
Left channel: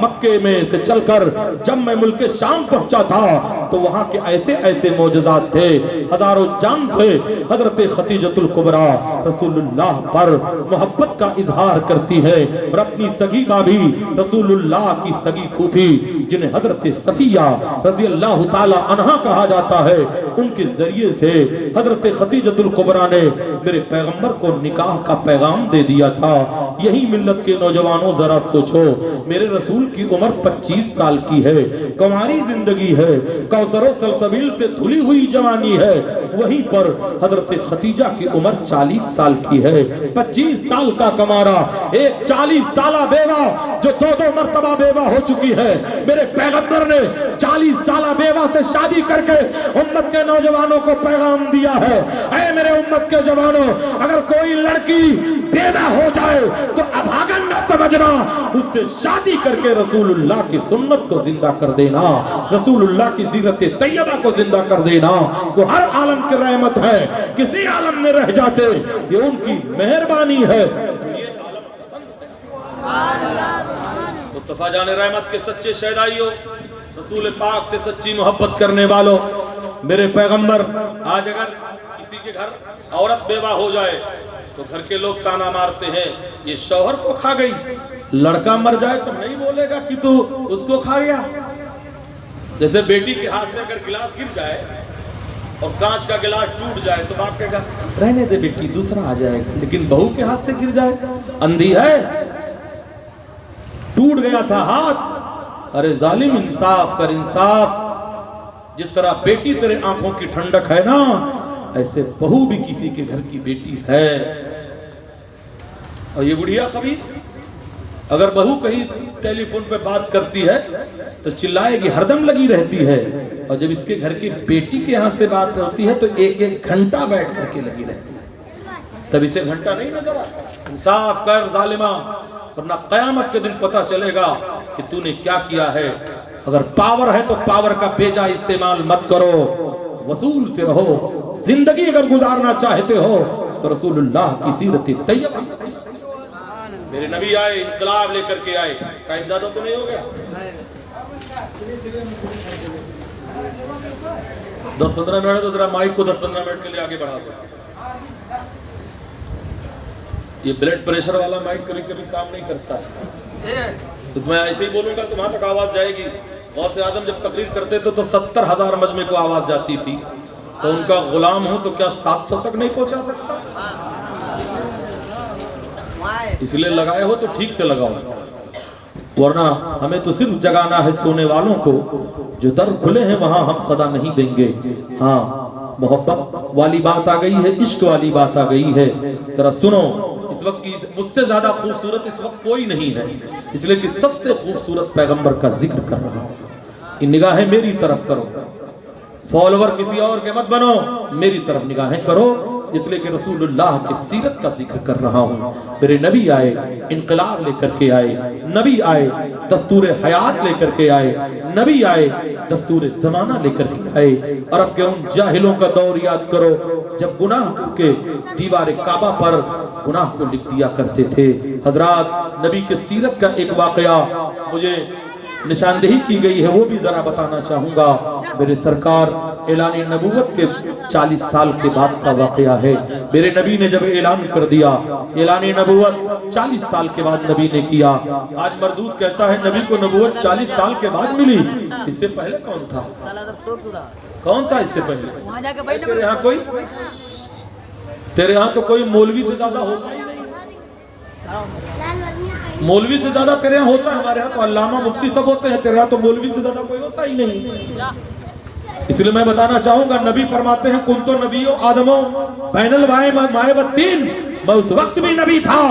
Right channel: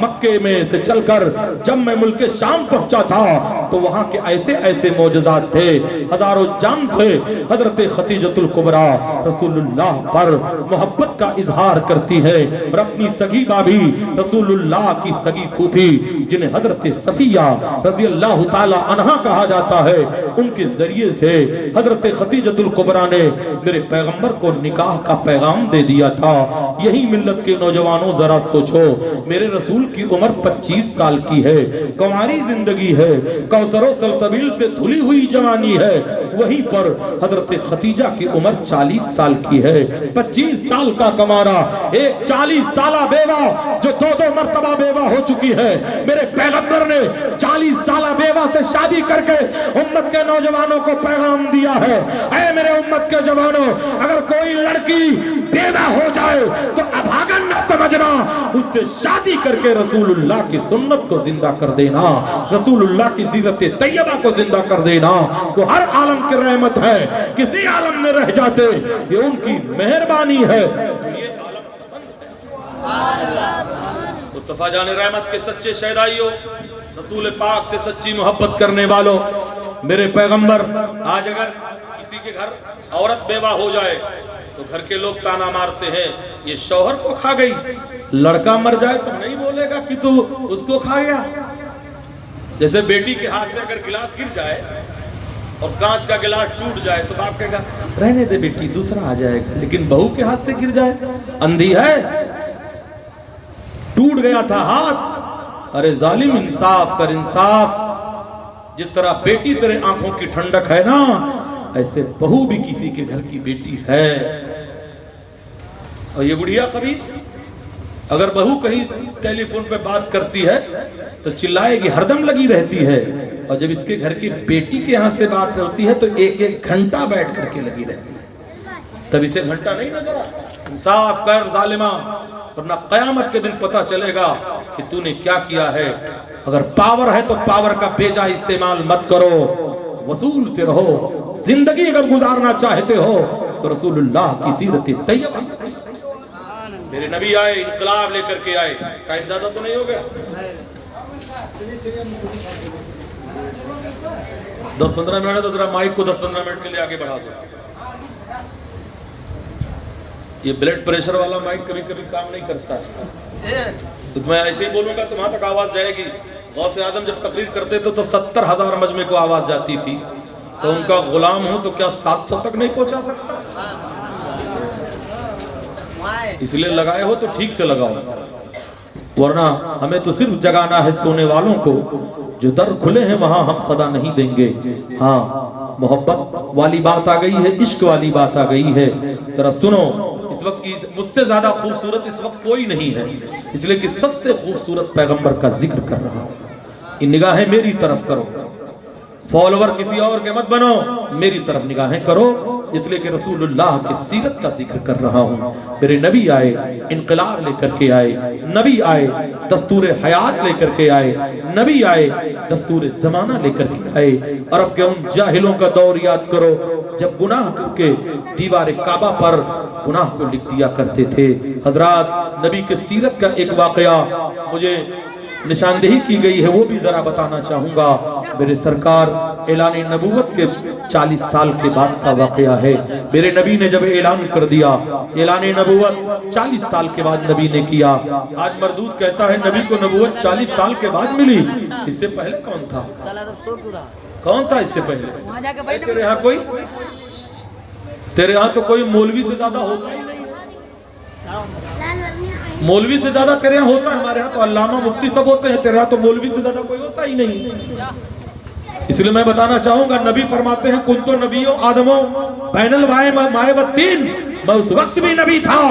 मक्के में से चलकर जब मैं मुल्क शाम पहुंचा था तो वहाँ के ऐसे ऐसे मौजज़ात थे, हजारों जान से हजरत खतीजतुल कुबरा रसूलुल्लाह पर मोहब्बत का इजहार करती है और अपनी सगी भाभी रसूलुल्लाह की सगी फूफी जिन्हें हजरत सफिया रज़ी अल्लाह ताला अन्हा कहा जाता है, उनके जरिए से हजरत खतीजतुल कुबरा ने मेरे पैगंबर को निकाह का पैगाम दे दिया था। यही मिल्लत के नौजवानों जरा सोचो, मेरे रसूल की उम्र 25 साल की है, कुंवारी जिंदगी है, कौसरो सलसबील से धुली हुई जवानी है, वहीं पर हजरत खतीजा की उम्र 40 साल की है। 25 साल का कमारा, एक 40 साला बेवा जो दो मर्तबा बेवा हो चुकी है, मेरे पैगंबर ने 40 साला बेवा से शादी करके उम्मत के नौजवानों को पैगाम दिया है, ऐ मेरे उम्मत के जवानों, अगर कोई लड़की बेवा हो जाए तो अभागन न समझना, उससे शादी करके रसूलुल्लाह की सुन्नत को जिंदा कर देना, रसूलुल्लाह की सीरत तैयबा को जिंदा कर देना। वो हर आलम की रहमत है, किसी आलम में रह जाते ये उनकी मेहरबानी है। मुस्तफा जाने रहमत के सच्चे शहदाइयों, रसूल पाक से सच्ची मोहब्बत करने वालों, मेरे पैगंबर, आज अगर किसी के घर औरत बेवा हो जाए तो घर के लोग ताना मारते हैं, ये शौहर को खा गई। लड़का मर जाए तो नहीं बोलेगा कि तू उसको खा गया। जैसे बेटी के हाथ से अगर गिलास गिर जाए और कांच का गिलास टूट जाए तो बाप कहेगा रहने दे बेटी, दूसरा आ जाएगा। लेकिन बहू के हाथ से गिर जाए, अंधी है, टूट गया था हाथ, अरे जालिम इंसाफ कर इंसाफ। जिस तरह बेटी तेरे आंखों की ठंडक है ना, ऐसे बहू भी किसी के घर की बेटी है। और ये बुढ़िया कभी अगर बहू कहीं टेलीफोन पे बात करती है तो चिल्लाएगी, हरदम लगी रहती है, और जब इसके घर की बेटी के यहाँ से बात होती है तो एक एक घंटा बैठ करके लगी रहती है, तब इसे घंटा नहीं नजर आता। इंसाफ कर जालिमा, वरना कयामत के दिन पता चलेगा कि तूने क्या किया है। अगर पावर है तो पावर का बेजा इस्तेमाल मत करो, वसूल से रहो। जिंदगी अगर गुजारना चाहते हो तो रसूलुल्लाह की सीरत तैयबा। मेरे नबी आए, इनकलाब लेकर के आए, टाइम ज्यादा तो नहीं हो गया? 10-15 मिनट तो जरा माइक को 10-15 मिनट के लिए आगे बढ़ा दो। ये ब्लड प्रेशर वाला माइक कभी कभी काम नहीं करता है, तो मैं ऐसे ही बोलूंगा तो वहां तक आवाज जाएगी। गौसे आजम जब तकरीर करते थे तो 70,000 मजमे को आवाज जाती थी, तो उनका गुलाम हूं तो क्या 700 तक नहीं पहुंचा सकता? इसलिए लगाए हो तो ठीक से लगाओ, वरना हमें तो सिर्फ जगाना है सोने वालों को। जो दर खुले हैं वहां हम सदा नहीं देंगे। हाँ, मोहब्बत वाली बात आ गई है, इश्क वाली बात आ गई है। जरा सुनो, इस वक्त की मुझसे ज्यादा खूबसूरत इस वक्त कोई नहीं है, इसलिए कि सबसे खूबसूरत पैगंबर का जिक्र कर रहा हूं। इन निगाहें मेरी तरफ करो, फॉलोवर किसी और के मत बनो, मेरी तरफ निगाहें करो, इसलिए कि रसूलुल्लाह की सीरत का जिक्र कर रहा हूं। मेरे नबी आए, इनकलाब लेकर के आए, नबी आए दस्तूर हयात लेकर के आए, नबी आए दस्तूर जमाना लेकर के आए। और अब के उन जाहिलों का दौर याद करो जब गुनाह करके दीवार काबा पर गुनाह को लिख दिया करते थे। हजरात, नबी के सीरत का एक वाकया मुझे निशानदेही की गई है, वो भी जरा बताना चाहूंगा। मेरे सरकार ऐलान नबूवत के 40 साल के बाद का वाकया है। मेरे नबी ने जब ऐलान कर दिया, ऐलान नबूवत 40 साल के बाद नबी ने किया। आज मरदूद कहता है नबी को नबूवत 40 साल के बाद मिली, इससे पहले कौन था? कौन था इससे पहले? तेरे यहाँ कोई, तेरे यहाँ तो कोई मौलवी से ज्यादा होता ही नहीं, मौलवी से ज्यादा तेरे यहाँ होता है। हमारे यहाँ तो अल्लामा मुफ्ती सब होते हैं, तेरे यहाँ तो मौलवी से ज्यादा कोई होता ही नहीं। इसलिए मैं बताना चाहूंगा, नबी फरमाते हैं कुन तो नबियो आदमो बैनल माए बत्तीन, मैं उस वक्त भी नबी था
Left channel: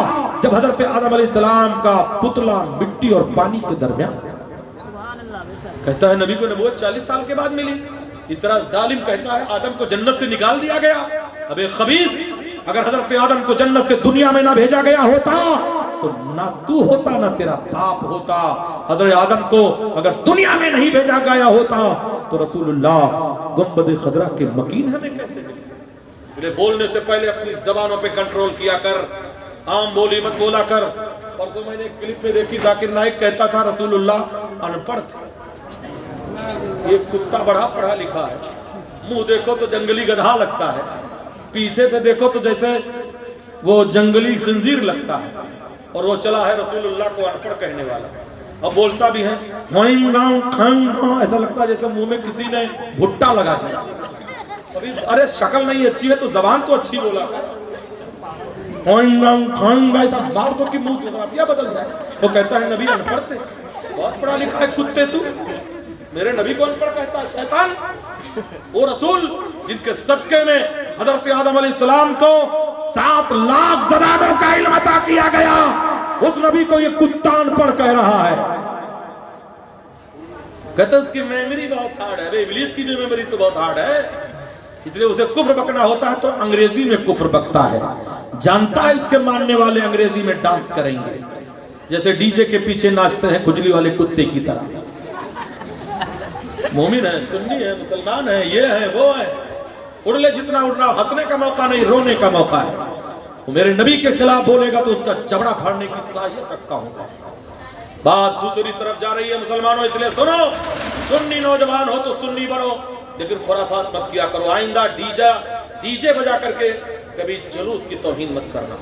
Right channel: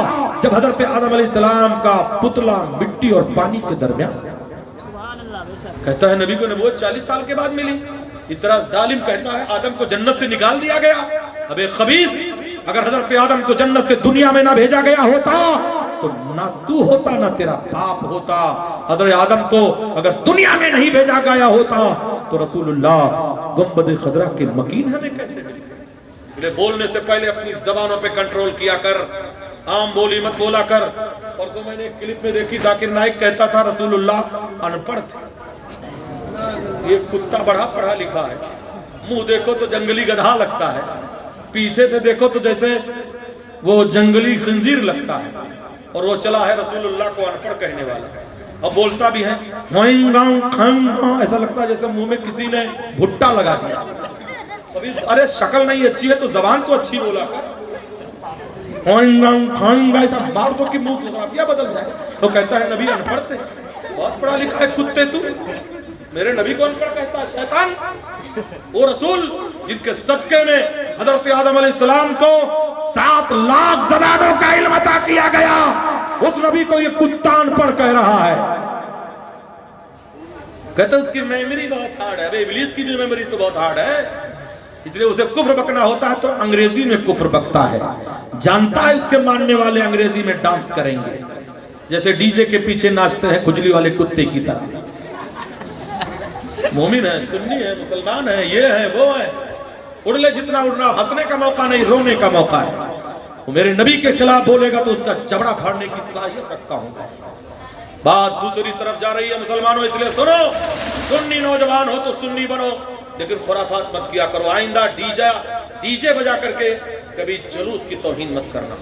जब हजरत आदम अलैहिस्सलाम का पुतला मिट्टी और पानी के दरमियान। कहता है नबी को नबूवत 40 साल के बाद मिली। इस तरह जालिम कहता है आदम को जन्नत से निकाल दिया गया। अबे खबीस, अगर हजरत आदम को जन्नत से दुनिया में ना भेजा गया होता तो ना तू होता ना तेरा बाप होता। हजरत आदम को अगर दुनिया में नहीं भेजा गया होता तो रसूलुल्लाह गुंबद खजरा के मकीन हमें कैसे मिलते? इसलिए बोलने से पहले अपनी जबानों पे कंट्रोल किया कर, आम बोली मत बोला कर। परसों मैंने एक क्लिप में देखी, जाकिर नाइक कहता था रसूलुल्लाह अनपढ़ थे। یہ کتا بڑا پڑھا لکھا ہے، منہ دیکھو تو جنگلی گدھا لگتا ہے، پیچھے سے دیکھو تو جیسے وہ جنگلی خنزیر لگتا ہے، اور وہ چلا ہے رسول اللہ کو ان پڑھ کہنے والا، اور بولتا بھی ہے ایسا لگتا ہے جیسے منہ میں کسی نے بھٹا لگا دیا۔ ارے شکل نہیں اچھی ہے تو زبان تو اچھی بولا کر، ایسا مار دو کہ منہ جغرافیہ بدل جائے۔ وہ کہتا ہے نبی ان پڑھ تھے، بہت پڑھا لکھا ہے کتے تو، میرے نبی کو ان پڑھ کہتا ہے شیطان۔ وہ رسول جن کے صدقے میں حضرت آدم علیہ السلام کو 7 لاکھ زبانوں کا علم عطا کیا گیا، اس نبی کو یہ کتا ان پڑھ کہہ رہا ہے۔ کہتا ہے اس کی میموری بہت ہارڈ ہے۔ ابلیس کی بھی میموری تو بہت ہارڈ ہے، اس لیے اسے کفر بکنا ہوتا ہے تو انگریزی میں کفر بکتا ہے، جانتا ہے اس کے ماننے والے انگریزی میں ڈانس کریں گے، جیسے ڈی جے کے پیچھے ناچتے ہیں کھجلی والے کتے کی طرح۔ مومن ہے، سنی ہے، مسلمان ہے، یہ ہے وہ ہے، اڑ لے جتنا اڑنا، ہنسنے کا موقع نہیں، رونے کا موقع ہے۔ وہ میرے نبی کے خلاف بولے گا تو اس کا جبڑا پھاڑنے کی صلاحیت رکھتا ہوں۔ بات دوسری طرف جا رہی ہے مسلمانوں، اس لیے سنو، سنی نوجوان ہو تو سنی بنو، لیکن خرافات مت کیا کرو۔ آئندہ ڈی جے بجا کر کے کبھی جلوس کی توہین مت کرنا،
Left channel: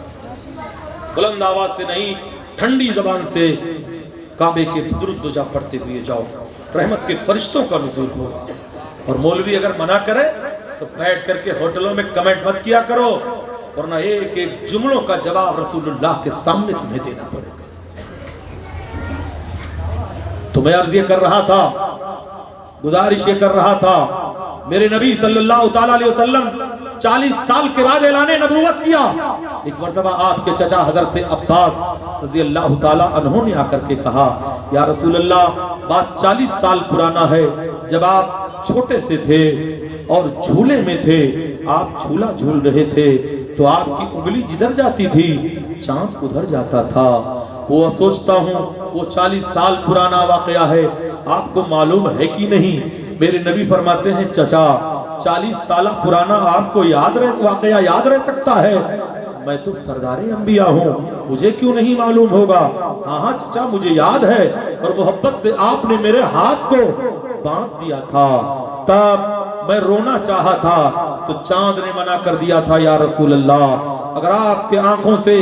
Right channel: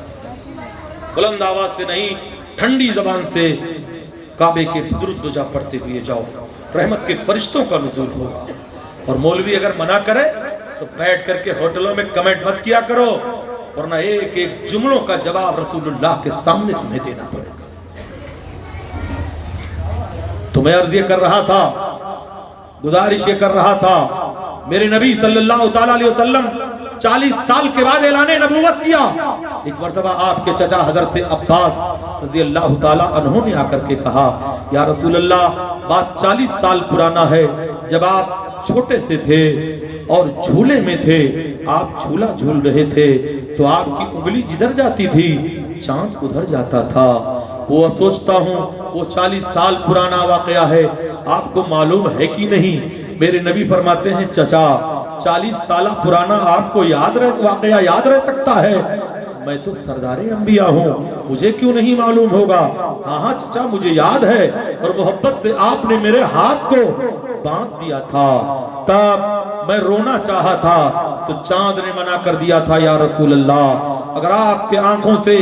بلند آواز سے نہیں، ٹھنڈی زبان سے کعبے کے درود دجا پڑھتے ہوئے جاؤ، رحمت کے فرشتوں کا نزول ہوگا۔ اور مولوی اگر منع کرے تو بیٹھ کر کے ہوٹلوں میں کمنٹ مت کیا کرو، ورنہ ایک ایک جملوں کا جواب رسول اللہ کے سامنے تمہیں دینا پڑے گا۔ تو میں عرض یہ کر رہا تھا، گزارش یہ کر رہا تھا، میرے نبی صلی اللہ تعالیٰ علیہ وسلم 40 سال کے بعد اعلان نبوت کیا۔ ایک مرتبہ آپ کے چچا حضرت عباس رضی اللہ تعالیٰ عنہ نے آ کر کے کہا، یا رسول اللہ بات 40 سال پرانا ہے، جب آپ چھوٹے سے تھے اور جھولے میں تھے، آپ جھولا جھول رہے تھے تو آپ کی انگلی جدھر جاتی تھی چاند ادھر جاتا تھا۔ وہ سوچتا ہوں وہ 40 سال پرانا واقعہ ہے، آپ کو معلوم ہے کہ نہیں؟ میرے نبی فرماتے ہیں چچا 40 سالہ پرانا آپ کو واقعہ یاد رہ سکتا ہے؟ میں تو سردار انبیاء ہوں، مجھے کیوں نہیں معلوم ہوگا؟ ہاں چچا مجھے یاد ہے، اور محبت سے آپ نے میرے ہاتھ کو باندھ دیا تھا، تب میں رونا چاہا تھا تو چاند نے منع کر دیا تھا، یا رسول اللہ اگر آپ کے آنکھوں سے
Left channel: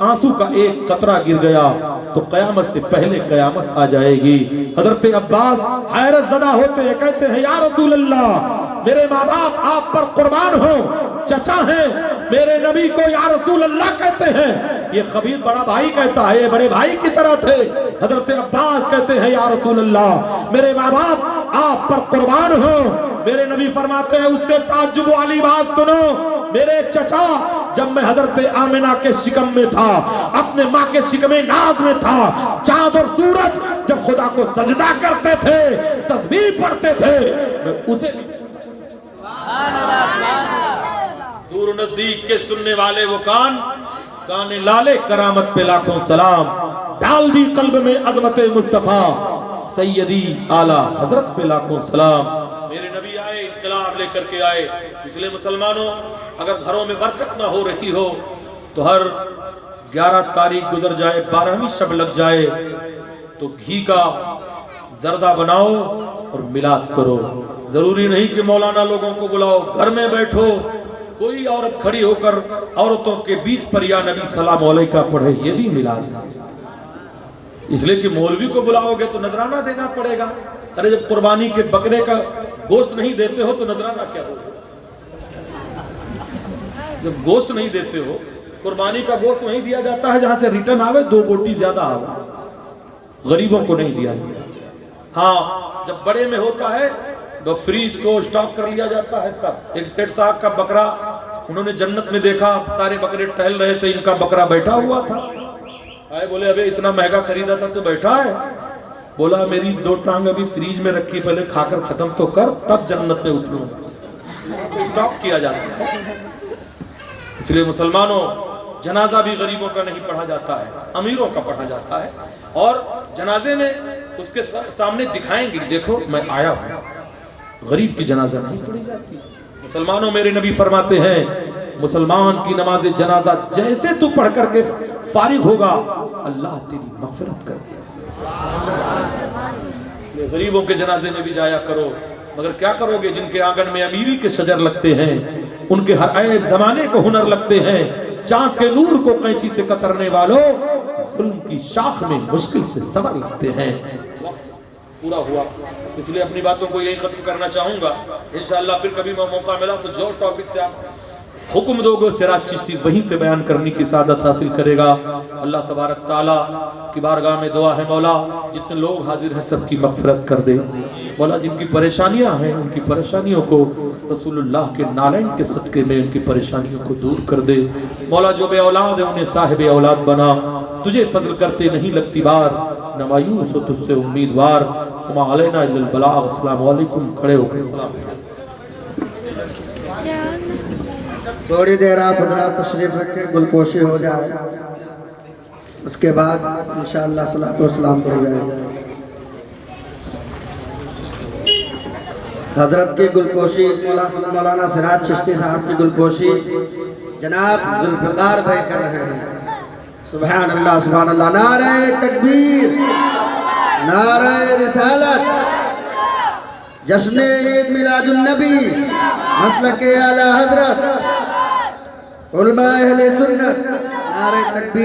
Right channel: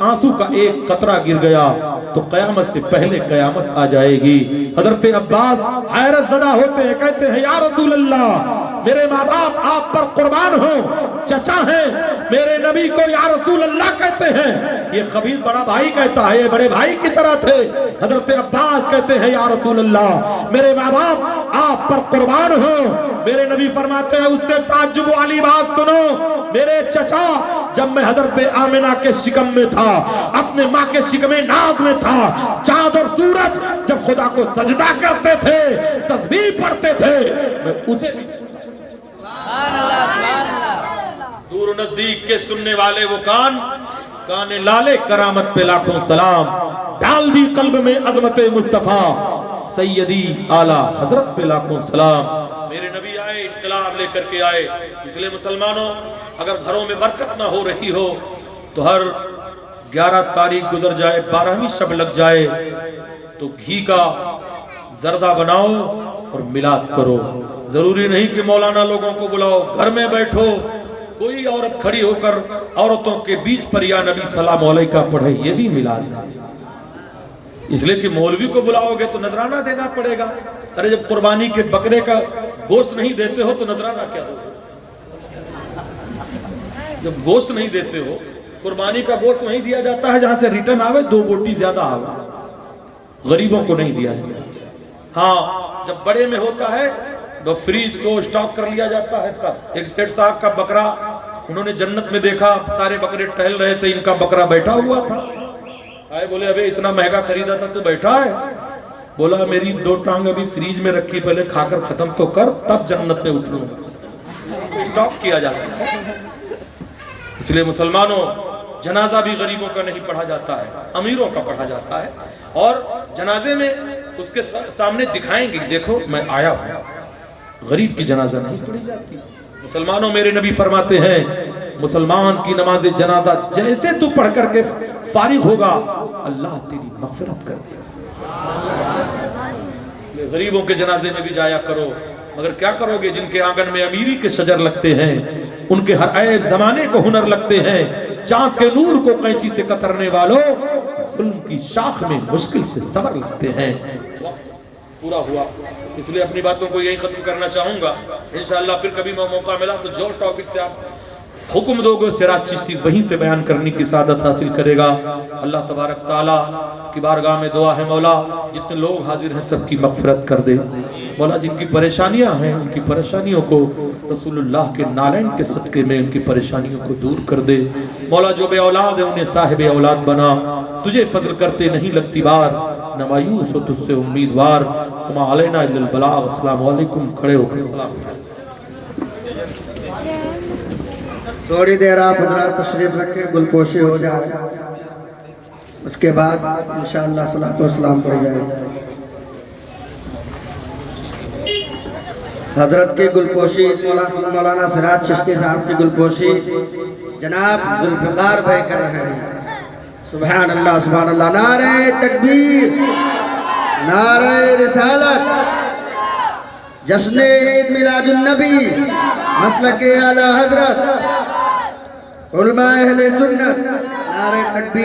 آنسو کا ایک قطرہ گر گیا تو قیامت سے پہلے قیامت آ جائے گی۔ حضرت عباس حیرت زدہ ہوتے ہیں، کہتے ہیں یا رسول اللہ میرے ماں باپ آپ پر قربان ہوں، چچا ہیں، میرے نبی کو یا رسول اللہ کہتے ہیں۔ یہ خبیث بڑا بھائی کہتا ہے، یہ بڑے بھائی کی طرح تھے۔ حضرت عباس کہتے ہیں یا رسول اللہ میرے ماں باپ آپ پر قربان ہوں۔ میرے نبی فرماتے ہیں اس سے تعجب والی بات سنو، میرے چچا جب میں حضرت آمنہ کے شکم میں تھا، اپنے ماں کے شکم ناز میں تھا، چاند اور سورج جب خدا کو سجدہ کرتے تھے، تسبیح پڑھتے تھے، اسے دور و نزدیک کے سننے والے وہ کان لالے کرامت پہ لاکھوں سلام، ڈال دی قلب میں عظمت مصطفیٰ سیدی اعلیٰ حضرت پہ لاکھوں سلام۔ میرے نبی آئے، انقلاب لے کر کے آئے، اس لیے مسلمانوں اگر گھروں میں برکت نہ ہو رہی ہو تو ہر 11 تاریخ گزر جائے، 12ویں شب لگ جائے تو گھی کا زردہ بناؤ اور میلاد کرو۔ ضروری نہیں کہ مولانا لوگوں کو بلاؤ، گھر میں بیٹھو، کوئی عورت کھڑی ہو کر عورتوں کے بیچ پر یا نبی سلام علیکہ پڑھے، یہ بھی میلاد ہے۔ اس لیے کہ مولوی کو بلاؤ گے تو نذرانہ دینا پڑے گا۔ ارے جب قربانی کے بکرے کا گوشت نہیں دیتے ہو تو نذرانہ کیا ہو؟ جب گوشت نہیں دیتے ہو، قربانی کا گوشت نہیں دیا جاتا ہے جہاں سے ریٹرن آوے 2 بوٹی زیادہ آوے، غریبوں کو نہیں دیا جاتا۔ ہاں جب بڑے میں ہوتا ہے تو فریج کو سٹاک کر لیا جاتا ہے۔ تب ایک سیٹ صاحب کا بکرا انہوں نے جنت میں دیکھا، سارے بکرے ٹہل رہے تھے، ان کا بکرا بیٹھا ہوا تھا۔ آئے بولے ابے اتنا مہنگا خریدا تھا تو بیٹھا ہے؟ بولا میری 2 ٹانگ ابھی فریج میں رکھی، پہلے کھا کر ختم تو کر تب جنت میں اٹھ لوں گا۔ سٹاک کیا جاتا ہے۔ اس لیے مسلمانوں جنازہ بھی غریبوں کا نہیں پڑھا جاتا ہے، امیروں کا پڑھا جاتا ہے، اور جنازے میں اس کے سامنے دکھائیں گے دیکھو میں آیا ہوں۔ غریب کی جنازہ نہیں پڑھی جاتی۔ مسلمانوں میرے نبی فرماتے ہیں مسلمان کی نماز جنازہ جیسے تو پڑھ کر کے فارغ ہوگا اللہ تیری مغفرت کر دے گا۔ गरीबों के जनाजे में भी जाया करो, मगर क्या करोगे जिनके आंगन में अमीरी के शजर लगते हैं, उनके हर ऐब जमाने को हुनर लगते हैं, चाँद के नूर को कैंची से कतरने वालों जुल्म की शाख में मुश्किल से सबर लगते हैं। पूरा हुआ, इसलिए अपनी बातों को यही खत्म करना चाहूंगा। इंशाअल्लाह फिर कभी मौका मिला तो जो टॉपिक से आप हुक्म दोगे सिराज चिश्ती वहीं से बयान करने की सादत हासिल करेगा। अल्लाह तबारक ताला की बारगाह में दुआ है, मौला जितने लोग हाजिर हैं सबकी मगफिरत कर दे। मौला जिनकी परेशानियां हैं उनकी परेशानियों को रसूलुल्लाह के नालैन के सदके में उनकी परेशानियों को दूर कर दे। मौला जो बे औलाद है उन्हें साहिब औलाद बना, तुझे फजल करते नहीं लगती बार, न मायूस हो तुझसे उम्मीदवार। वमा अलैना इल्लल बलाग। अस्सलामु अलैकुम। खड़े होकर सलाम। थोड़ी देर आप हजरात तशरीफ रखें, गुलपोशी हो जाए, उसके बाद इंशाअल्लाह सलातो व सलाम पढ़ जाएगा। हजरत की गुलपोशी मौलाना सिराज चिश्ती साहब की गुलपोशी जनाब जुल्फिकार भाई कर रहे हैं। सुभान अल्लाह सुभान अल्लाह। नारे तकबीर, नारे रिसालत, जश्न ईद मिलादुन नबी, मसलके आला हजरत, उलमा अहले सुन्नत। नारे तकबीर।